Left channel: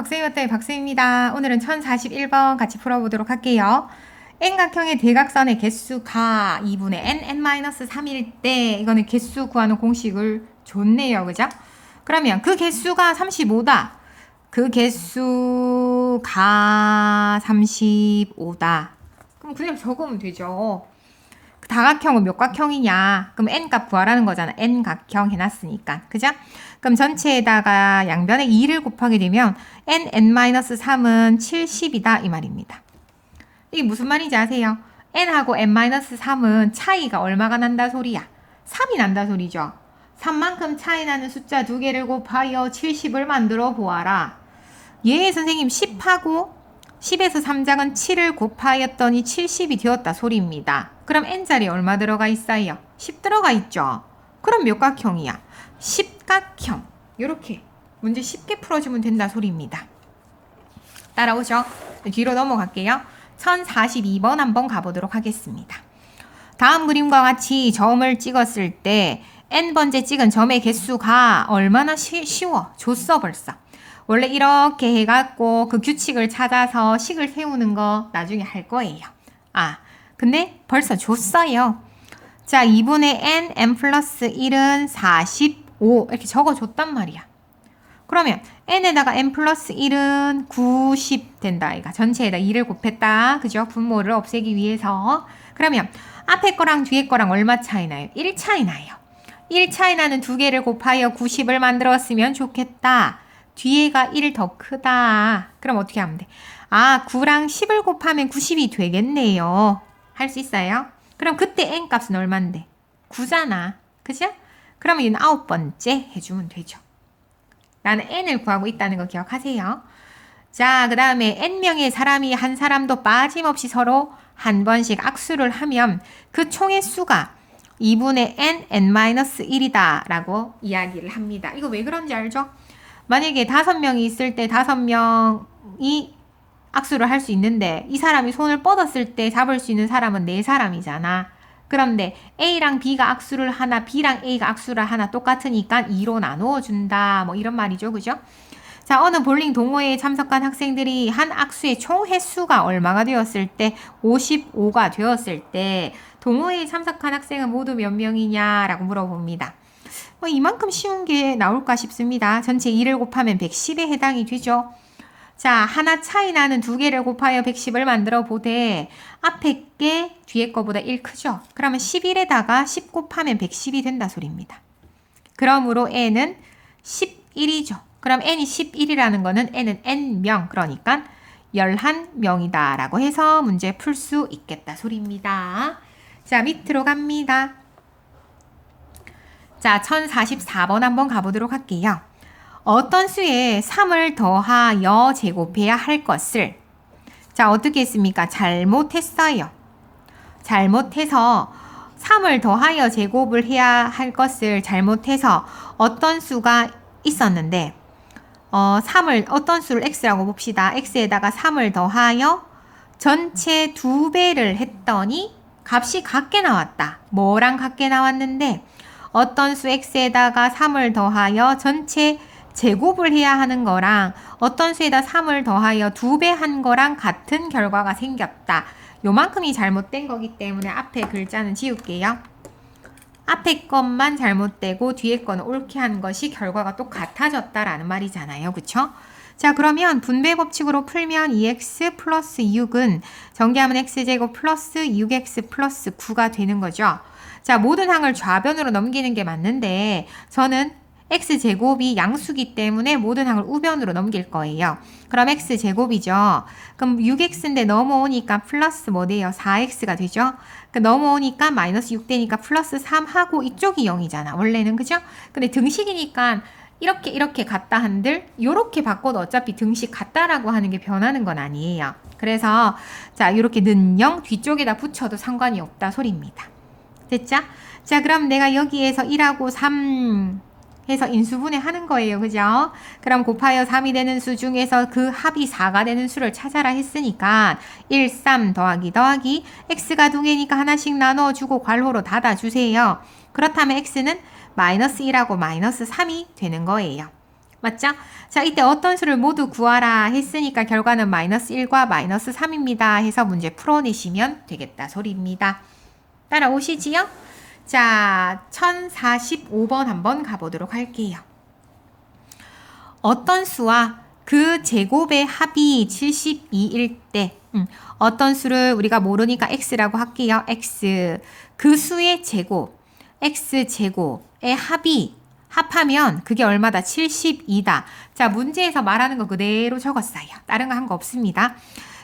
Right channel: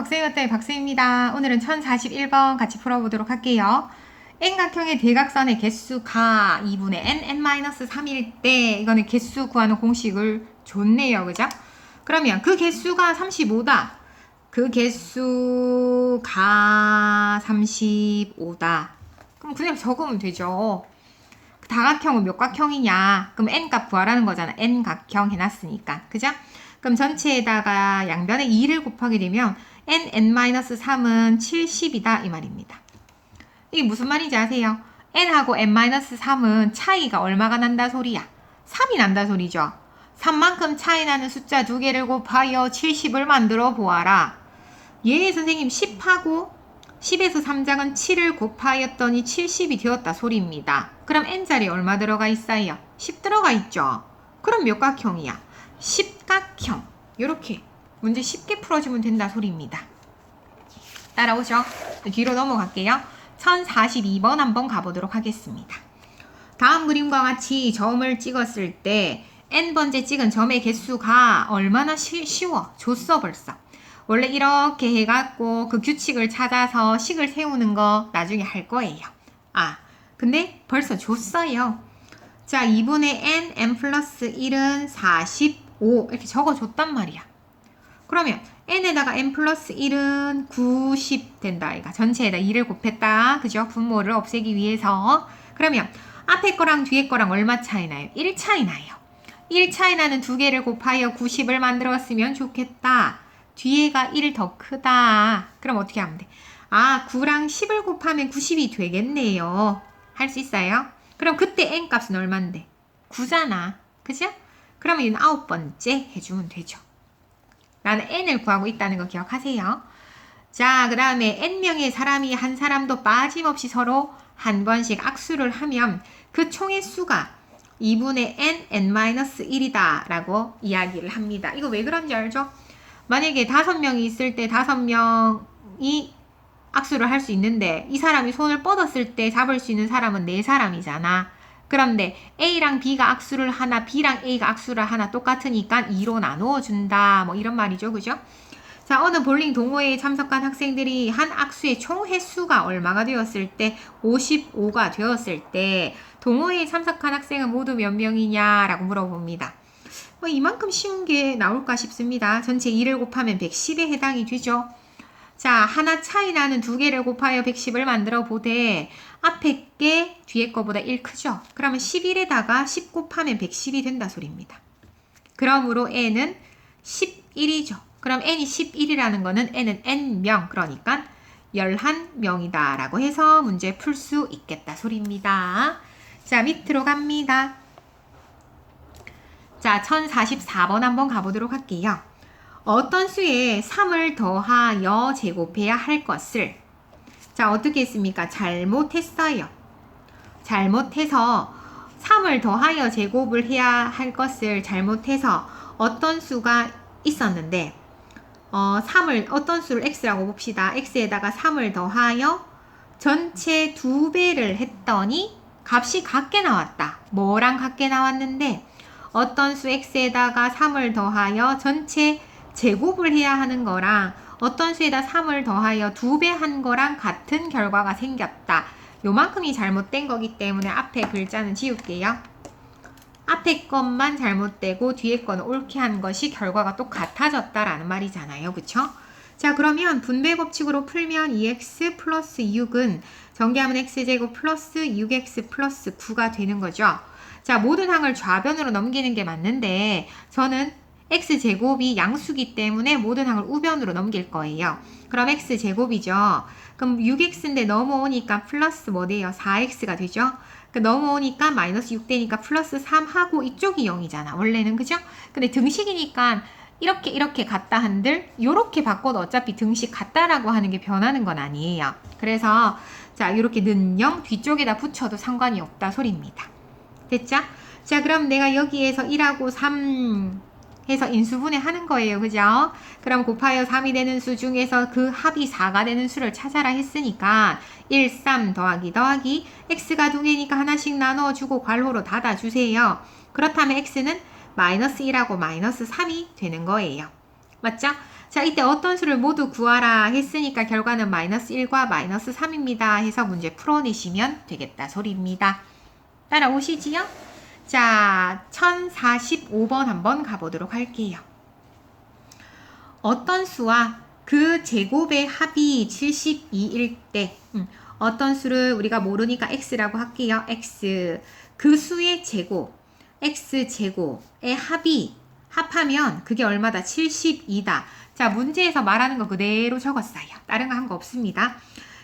박쌤이 왔다의 박쌤입니다. 오늘은 1041번 같이 풀어보도록 할게요. N각형의 대각선의 개수가 2분의 n-3일 때 이거는 개수 구하는 공식을 줬네요. 그죠? 그러면 그 개수가 35다. 그 개수가 35다. 그럼 그냥 적으면 되죠. 다각형은 몇 각형이냐? 그럼 n값 구하라는 거잖아. n각형 해놨으니까. 그죠? 그럼 전체에다가 양변에 2를 곱하게 되면 n-3은 70이다 이 말입니다. 이게 무슨 말인지 아세요? n하고 n-3은 차이가 얼마가 난다 소리야? 3이 난다 소리죠. 3만큼 차이 나는 숫자 두 개를 곱하여 70을 만들어 보아라. 예, 선생님 10하고 10에서 3작은 7을 곱하였더니 70이 되었다 소리입니다. 그럼 n자리에 얼마 들어가 있어요? 10 들어가 있죠. 그럼 몇 각형이야? 10각형. 이렇게 문제 쉽게 풀어주면 된다 소리입니다. 따라오죠? 뒤로 넘어갈게요. 1042번 한번 가보도록 하겠습니다. 다음 그림과 같이 점을 찍었을 때 n번째 찍은 점의 개수가 얼마나 쉬워? 줬어 벌써. 원래 이렇게 해갖고 그 규칙을 찾아서 식을 세우는 거 나중에 할 거예요. 근데 벌써 줬어요. 자, 2분의 n 플러스 1은 45 이렇게 적어줬단 말이야. 그러면 n에다가 n 플러스 1은 90 된다. 아이가 전체에다 2를 곱했다. 그죠? 분모를 없애기 위해서. 그러면 앞에 거랑 뒤에 거랑 얼마 차이 나요? 1 차이 나요. 1 차이 나는 두 개를 곱하여 90을 만들었으면 좋겠다. 뒤에가 1 더 크다. 그럼 어떻게 하면 돼? 9랑 10을 곱하면 90이 되겠네요. 할 수 있어요? 그럼 그때 n값은 얼만데? 9잖아. 그죠? 그러면 이는 9번째 해주면 되죠. 나는 n을 구하고 있다는 거 기억하세요. 자, 그 다음에 n명의 사람이 한 사람도 빠짐없이 서로 한 번씩 악수를 하면 그 총의 수가 2분의 n-1이다 라고 이야기를 합니다. 이거 왜 그런지 알죠? 만약에 5명이 있을 때 5명이 악수를 할 수 있는데 이 사람이 손을 뻗었을 때 잡을 수 있는 사람은 4사람이잖아. 그런데 A랑 B가 악수를 하나, B랑 A가 악수를 하나 똑같으니까 2로 나누어 준다. 뭐 이런 말이죠. 그죠? 자, 어느 볼링 동호회에 참석한 학생들이 한 악수의 총 횟수가 얼마가 되었을 때 55가 되었을 때 동호회에 참석한 학생은 모두 몇 명이냐 라고 물어봅니다. 이만큼 쉬운 게 나올까 싶습니다. 전체 2를 곱하면 110에 해당이 되죠. 자, 하나 차이 나는 두 개를 곱하여 110을 만들어 보되 앞에 게 뒤에 거보다 1 크죠? 그러면 11에다가 10 곱하면 110이 된다 소리입니다. 그러므로 n은 11이죠. 그럼 n이 11이라는 거는 n은 n명, 그러니까 11명이다 라고 해서 문제 풀 수 있겠다 소리입니다. 자, 밑으로 갑니다. 자, 1044번 한번 가보도록 할게요. 어떤 수에 3을 더하여 제곱해야 할 것을 자, 어떻게 했습니까? 잘못했어요. 잘못해서 3을 더하여 제곱을 해야 할 것을 잘못해서 어떤 수가 있었는데 어떤 수를 x라고 봅시다. x에다가 3을 더하여 전체 2배를 했더니 값이 같게 나왔다. 뭐랑 같게 나왔는데 어떤 수 x에다가 3을 더하여 전체 제곱을 해야 하는 거랑 어떤 수에다 3을 더하여 2배 한 거랑 같은 결과가 생겼다. 요만큼이 잘못된 거기 때문에 앞에 글자는 지울게요. 앞에 것만 잘못되고 뒤에 거는 옳게 한 것이 결과가 또 같아졌다라는 말이잖아요. 그쵸? 자, 그러면 분배 법칙으로 풀면 2x 플러스 6은 전개하면 x제곱 플러스 6x 플러스 9가 되는 거죠. 자, 모든 항을 좌변으로 넘기는 게 맞는데 저는 x제곱이 양수기 때문에 모든 항을 우변으로 넘길 거예요. 그럼 x제곱이죠. 그럼 6x인데 넘어오니까 플러스 뭐 돼요? 4x가 되죠. 넘어오니까 마이너스 6 되니까 플러스 3하고 이쪽이 0이잖아. 원래는 그죠? 근데 등식이니까 이렇게 같다 한들 요렇게 바꿔도 어차피 등식 같다라고 하는 게 변하는 건 아니에요. 그래서 자, 이렇게 는 0 뒤쪽에다 붙여도 상관이 없다 소리입니다. 됐죠? 자, 그럼 내가 여기에서 1하고 3 해서 인수분해 하는 거예요. 그죠? 그럼 곱하여 3이 되는 수 중에서 그 합이 4가 되는 수를 찾아라 했으니까 1, 3 더하기 x가 2개니까 하나씩 나눠주고 괄호로 닫아주세요. 그렇다면 x는 마이너스 1하고 마이너스 3이 되는 거예요. 맞죠? 자, 이때 어떤 수를 모두 구하라 했으니까 결과는 마이너스 1과 마이너스 3입니다. 해서 문제 풀어내시면 되겠다 소리입니다. 따라오시지요? 자, 1045번 한번 가보도록 할게요. 어떤 수와 그 제곱의 합이 72일 때 어떤 수를 우리가 모르니까 x라고 할게요. x 그 수의 제곱 x제곱의 합하면 그게 얼마다? 72다. 자, 문제에서 말하는 거 그대로 적었어요. 다른 거 한 거 없습니다.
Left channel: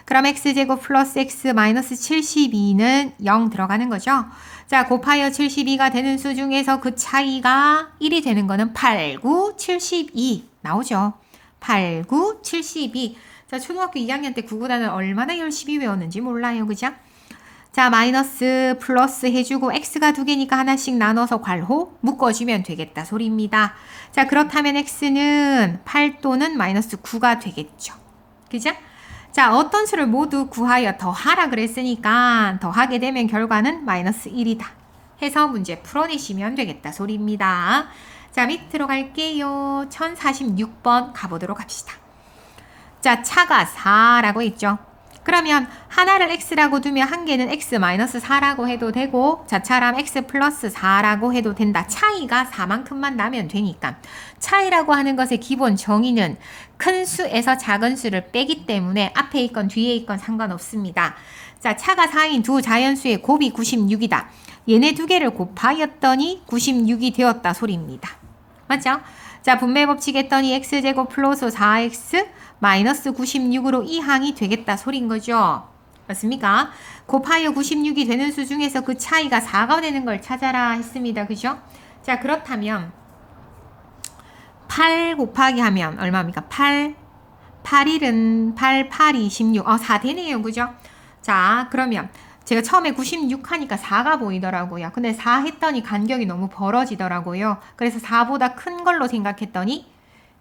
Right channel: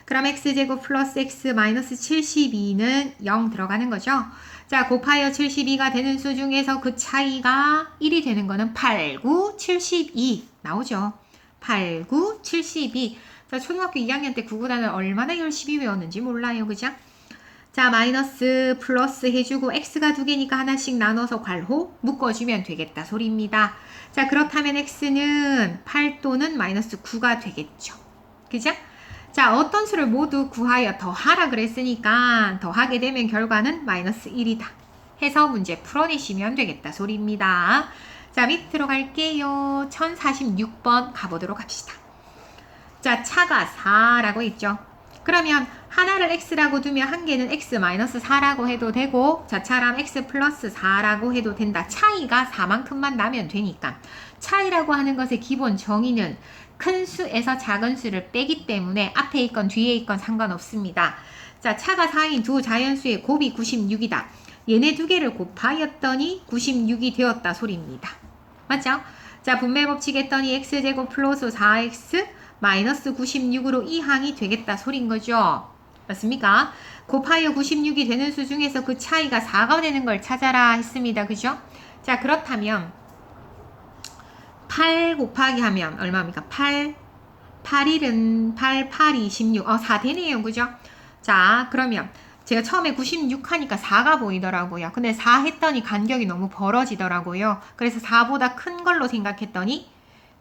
그럼 x제곱 플러스 x 마이너스 72는 0 들어가는 거죠. 자, 곱하여 72가 되는 수 중에서 그 차이가 1이 되는 거는 8, 9, 72 나오죠. 8, 9, 72. 자, 초등학교 2학년 때 구구단을 얼마나 열심히 외웠는지 몰라요. 그죠? 자, 마이너스 플러스 해주고 x가 두 개니까 하나씩 나눠서 괄호 묶어주면 되겠다 소리입니다. 자, 그렇다면 x는 8 또는 마이너스 9가 되겠죠. 그죠? 자, 어떤 수를 모두 구하여 더하라 그랬으니까 더하게 되면 결과는 마이너스 1이다. 해서 문제 풀어내시면 되겠다 소리입니다. 자, 밑으로 갈게요. 1046번 가보도록 합시다. 자, 차가 4라고 있죠. 그러면 하나를 x라고 두면 한 개는 x-4라고 해도 되고 자, 차람 x 플러스 4라고 해도 된다. 차이가 4만큼만 나면 되니까. 차이라고 하는 것의 기본 정의는 큰 수에서 작은 수를 빼기 때문에 앞에 있건 뒤에 있건 상관없습니다. 자, 차가 4인 두 자연수의 곱이 96이다. 얘네 두 개를 곱하였더니 96이 되었다 소리입니다. 맞죠? 자, 분배 법칙 했더니 x제곱 플러스 4x 마이너스 96으로 이 항이 되겠다 소린 거죠. 맞습니까? 곱하여 96이 되는 수 중에서 그 차이가 4가 되는 걸 찾아라 했습니다. 그죠? 자, 그렇다면 8 곱하기 하면 얼마입니까? 8일은 8, 8이 26. 4 되네요. 그죠? 자, 그러면 제가 처음에 96 하니까 4가 보이더라고요. 근데 4 했더니 간격이 너무 벌어지더라고요. 그래서 4보다 큰 걸로 생각했더니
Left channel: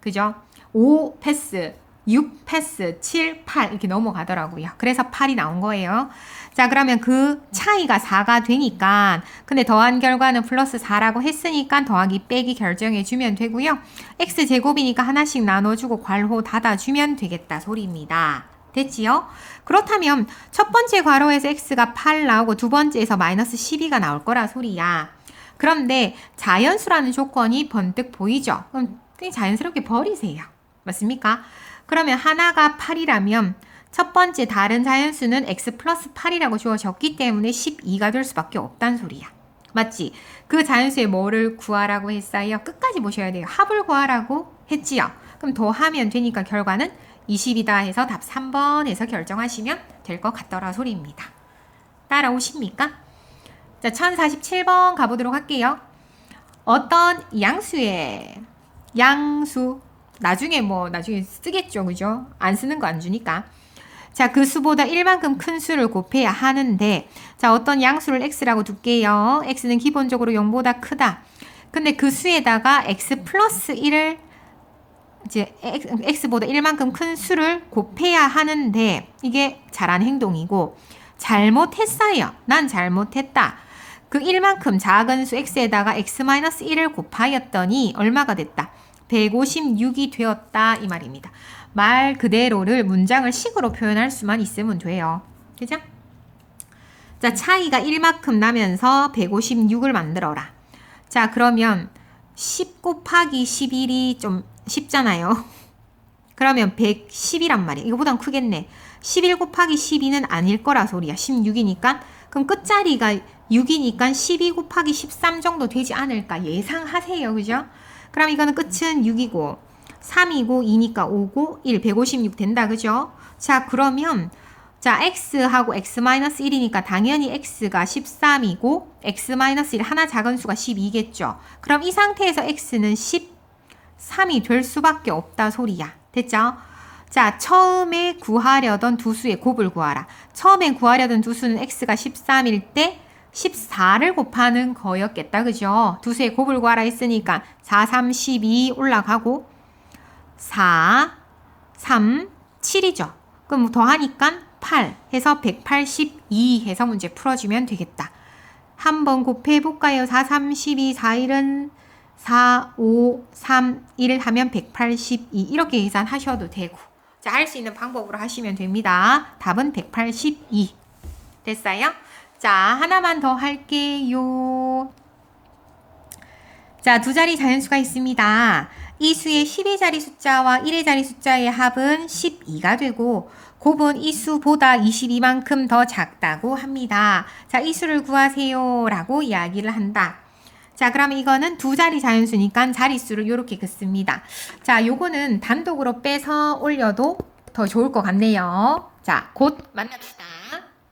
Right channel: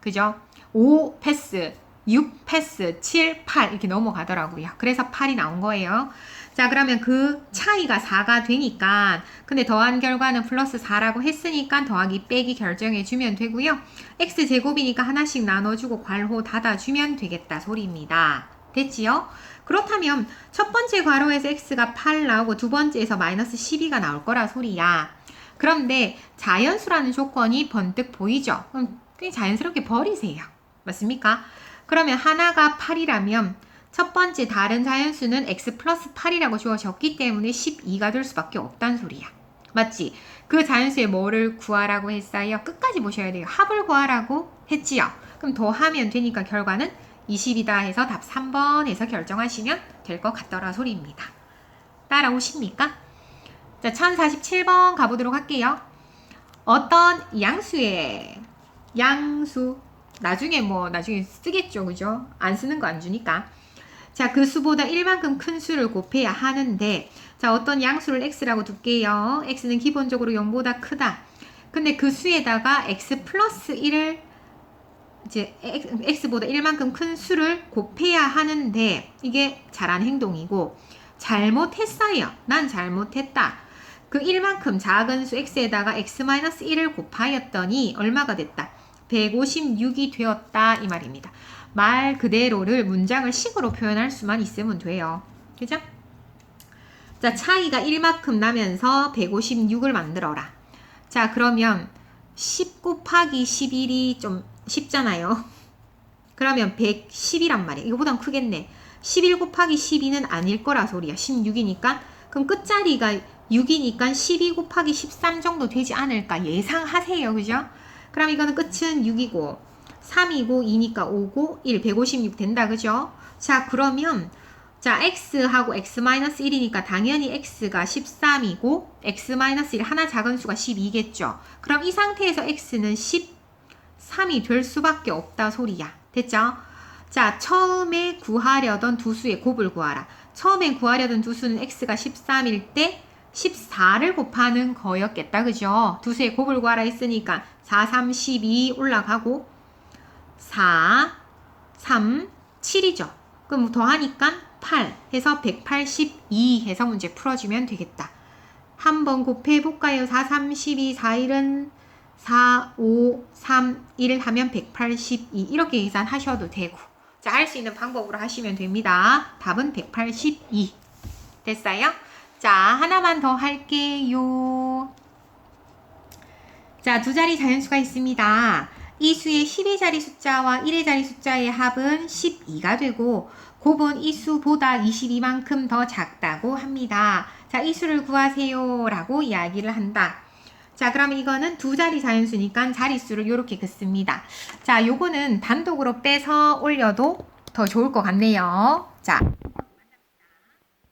그죠? 5 패스 6 패스, 7, 8 이렇게 넘어가더라고요. 그래서 8이 나온 거예요. 자, 그러면 그 차이가 4가 되니까 근데 더한 결과는 플러스 4라고 했으니까 더하기 빼기 결정해 주면 되고요. x제곱이니까 하나씩 나눠주고 괄호 닫아주면 되겠다 소리입니다. 됐지요? 그렇다면 첫 번째 괄호에서 x가 8 나오고 두 번째에서 마이너스 12가 나올 거라 소리야. 그런데 자연수라는 조건이 번뜩 보이죠? 그럼 자연스럽게 버리세요. 맞습니까? 그러면 하나가 8이라면 첫 번째 다른 자연수는 x 플러스 8이라고 주어졌기 때문에 12가 될 수밖에 없다는 소리야. 맞지? 그 자연수의 뭐를 구하라고 했어요? 끝까지 보셔야 돼요. 합을 구하라고 했지요. 그럼 더하면 되니까 결과는 20이다 해서 답 3번에서 결정하시면 될 것 같더라 소리입니다. 따라오십니까? 자, 1047번 가보도록 할게요. 어떤 양수의 양수 나중에 쓰겠죠. 그죠? 안 쓰는 거 안 주니까. 자, 그 수보다 1만큼 큰 수를 곱해야 하는데 자, 어떤 양수를 x라고 둘게요. x는 기본적으로 0보다 크다. 근데 그 수에다가 x 플러스 1을 이제 x보다 1만큼 큰 수를 곱해야 하는데 이게 잘한 행동이고 잘못했어요. 난 잘못했다. 그 1만큼 작은 수 x에다가 x-1을 곱하였더니 얼마가 됐다? 156이 되었다 이 말입니다. 말 그대로를 문장을 식으로 표현할 수만 있으면 돼요. 그죠? 자, 차이가 1만큼 나면서 156을 만들어라. 자, 그러면 10 곱하기 11이 좀 쉽잖아요. 그러면 110이란 말이에요. 이거보단 크겠네. 11 곱하기 12는 아닐 거라 소리야. 16이니까. 그럼 끝자리가 6이니까 12 곱하기 13 정도 되지 않을까 예상하세요. 그죠? 그럼 이거는 끝은 6이고 3이고 2니까 5고 1, 156 된다. 그죠? 자, 그러면 자, x하고 x-1이니까 당연히 x가 13이고 x-1 하나 작은 수가 12겠죠. 그럼 이 상태에서 x는 13이 될 수밖에 없다 소리야. 됐죠? 자, 처음에 구하려던 두 수의 곱을 구하라. 처음에 구하려던 두 수는 x가 13일 때 14를 곱하는 거였겠다. 그죠? 두 수의 곱을 구하라 했으니까 4, 3, 12 올라가고 4, 3, 7이죠. 그럼 더하니까 8 해서 182 해서 문제 풀어주면 되겠다. 한번 곱해볼까요? 4, 3, 12, 4일은 4, 5, 3, 1 하면 182 이렇게 계산하셔도 되고 자, 할 수 있는 방법으로 하시면 됩니다. 답은 182 됐어요? 자, 하나만 더 할게요. 자, 두 자리 자연수가 있습니다. 이 수의 12자리 숫자와 1의 자리 숫자의 합은 12가 되고 곱은 이 수보다 22만큼 더 작다고 합니다. 자, 이 수를 구하세요 라고 이야기를 한다. 자, 그럼 이거는 두 자리 자연수니까 자릿수를 이렇게 긋습니다. 자, 요거는 단독으로 빼서 올려도 더 좋을 것 같네요. 자, 곧 만납시다.